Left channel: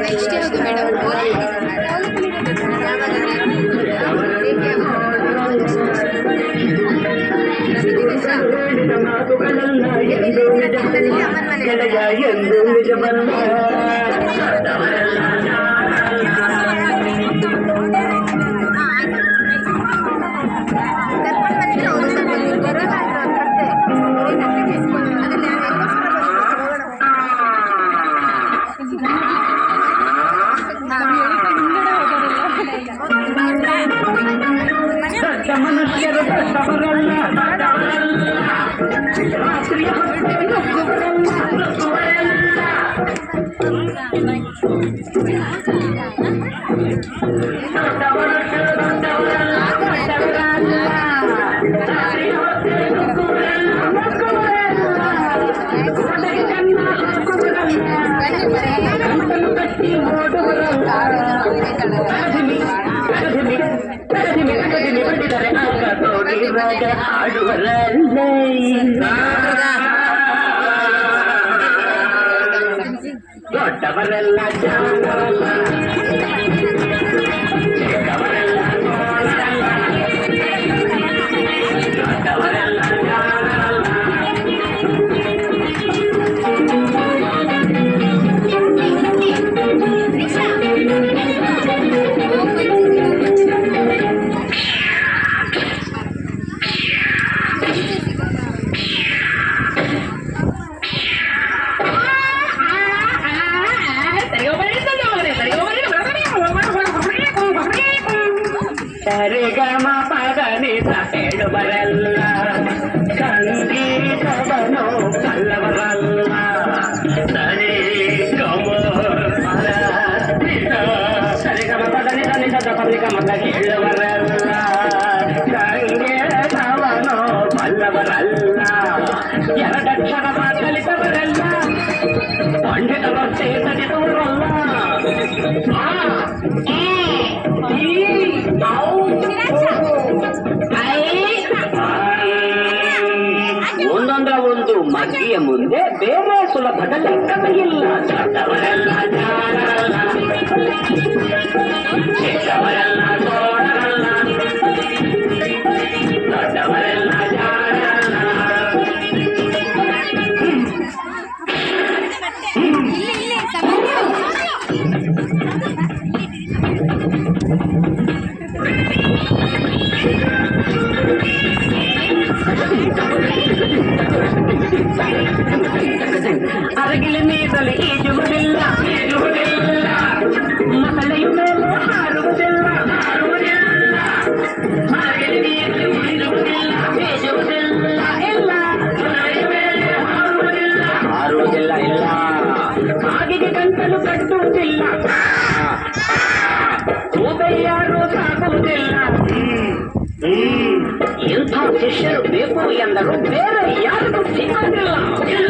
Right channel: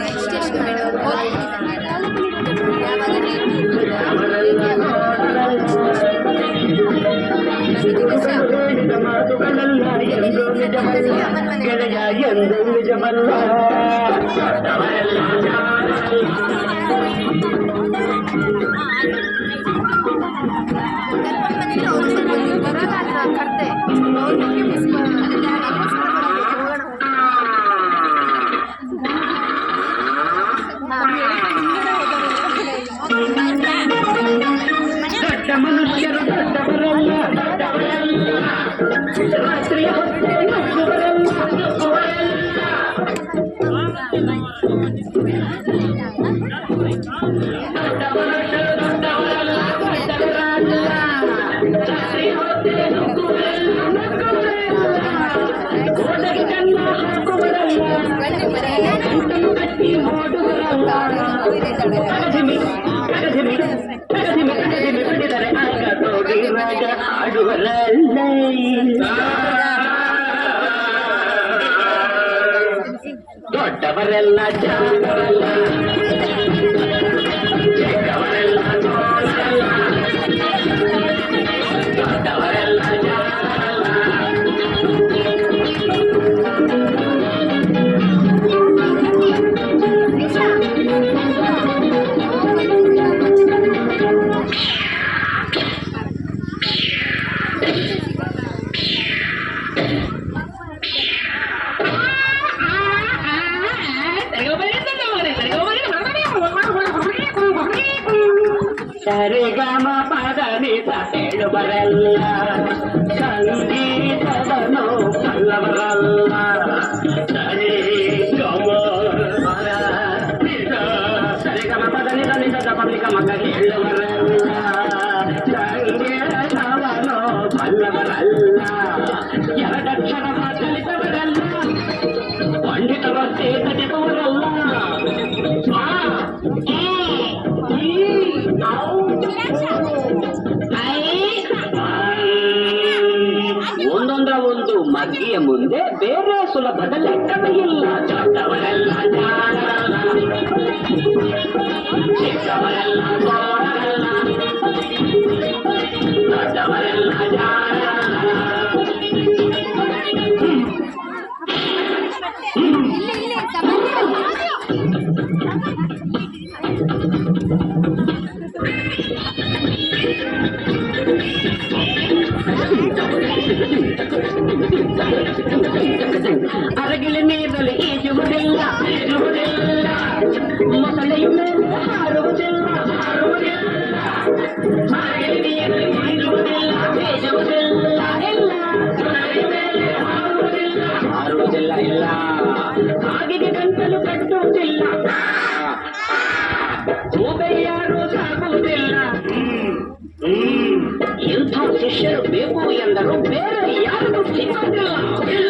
Next ಯಾವುದು madam? ದೊಡ್ಡವರೆಲ್ಲ ಜಾಣರಲ್ಲ, ಚಿಕ್ಕವರೆಲ್ಲ ನೋಡರಲ್ಲ, ದೊಡ್ಡವರೆಲ್ಲ ಜಾಣರಲ್ಲ. ಸರಿಗಮ ಪದನಿಸ ಹೇಳುವರಲ್ಲ, ಸಂಗೀತವನ್ನು ಬಲ್ಲವರಲ್ಲ. ಸರಿ ಗಮ ಸರಿಗಮ ಪದನಿಸ ನಿಜದ ಪದಿಗಮಕ ಹೇಳುವರಲ್ಲ, ಸಂಗೀತವನ್ನು ಬಲ್ಲವರಲ್ಲ. ಎರಡಕ್ಷರ ಕಲಿತವರಲ್ಲ, ಪಂಡಿತ ಭಕ್ತಿ ತಟಿದವರಲ್ಲ. ಒಂದೊಂದರ ಒಂದು ಮಗ್ಗಿಯ ಮುಂದೆ ಬೇರೆ ಸುಲಭದ ಲೆಕ್ಕವೇ ಇಲ್ಲ. ದೊಡ್ಡವರೆಲ್ಲ ಜಾಣರಲ್ಲ, ಚಿಕ್ಕವರೆಲ್ಲ ನೋಡರಲ್ಲ, ದೊಡ್ಡವರೆಲ್ಲ ಜಾಣರಲ್ಲ. ಅರಗಿಲ ನೀರಲ್ಲಿ ಈಜುವುದಿಲ್ಲ, ಮೊಸಳೆಯ ಮೇಲೆ ಹಾರುವುದಿಲ್ಲ, ಅರಗಿಲ ನೀರಲ್ಲಿ ಈಜುವುದಿಲ್ಲ, ಈಜುವುದಿಲ್ಲ, ಇಲ್ಲ ಹಾರುವುದಿಲ್ಲ, ಇಲ್ಲ ಹಾಗೆಗೆ ಗಂಟಲು ಕಟ್ಟುವುದಿಲ್ಲ, ಯಾರು ಸಾಗುವುದಿಲ್ಲ. ಎಂಥ ಶಿಷ್ಯರು ಬೇಕು ಎಂದರು ಬೇರೆ ಯಾರಿಗೂ ಸಿಗುವುದಿಲ್ಲ.